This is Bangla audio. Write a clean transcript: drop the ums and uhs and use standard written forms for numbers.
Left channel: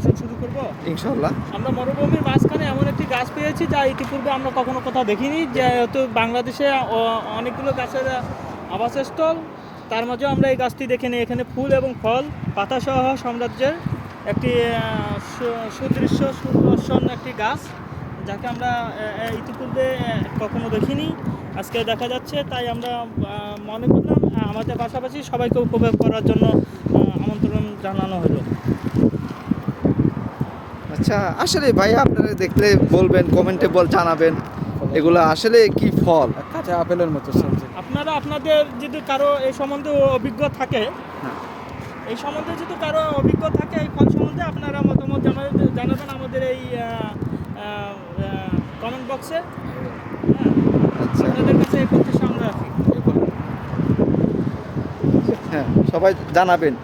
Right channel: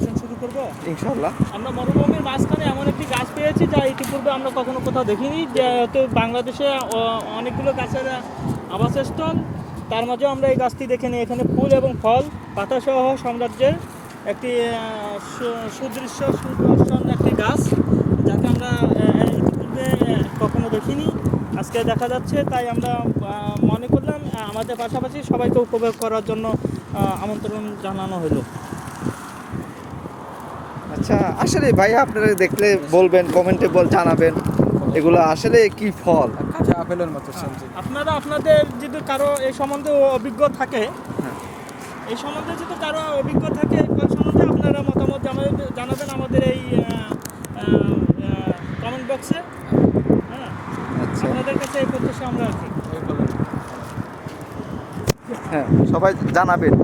আসুন শুরু করবো ইনশাআল্লাহ। আমরা মরুভূমির মাঝখানে এমন একটি গাছ পেয়েছি যা ইতিপূর্বে আমরা কখনো কোথাও দেখিনি, যেহেতু বাংলাদেশে অনেকগুলো গাছের আবাসস্থল, তার মাঝে আমরা এই গাছটি দেখে নিই। এখানে ফুল এবং ফল পাতাসহ সাম্রাজ্যের একটি সুদৃশ্য সুদর্শন একটি গাছ, যাকে আমরা ইতিপূর্বে কখনো দেখিনি, আজকে দেখা যাচ্ছে। তাই আমরা মনে করলাম আমাদের পাশাপাশি সবাইকে উপভোগ করার জন্য আমন্ত্রণ জানানো হলো। আচ্ছা, আসলে ভাই আপনারা দেখলে বলবেন, কমেন্টে জানাবেন এগুলো আসলে কি ফল। আচ্ছা, আপেলের মতো সবজি। আপনারা আপনাদের যদি কারো এই সম্বন্ধে অভিজ্ঞ থাকে, হ্যাঁ। এই সম্বন্ধে যদি কারো অভিজ্ঞ থাকে এই ফল সম্বন্ধে, আপনারা মতামত জানাবেন আমাদের এই কমেন্ট বক্সে। আচ্ছা, আপনাদের কাছে এই প্রত্যাশা আমরা রাখি। হ্যাঁ, সবাই জানাবেন।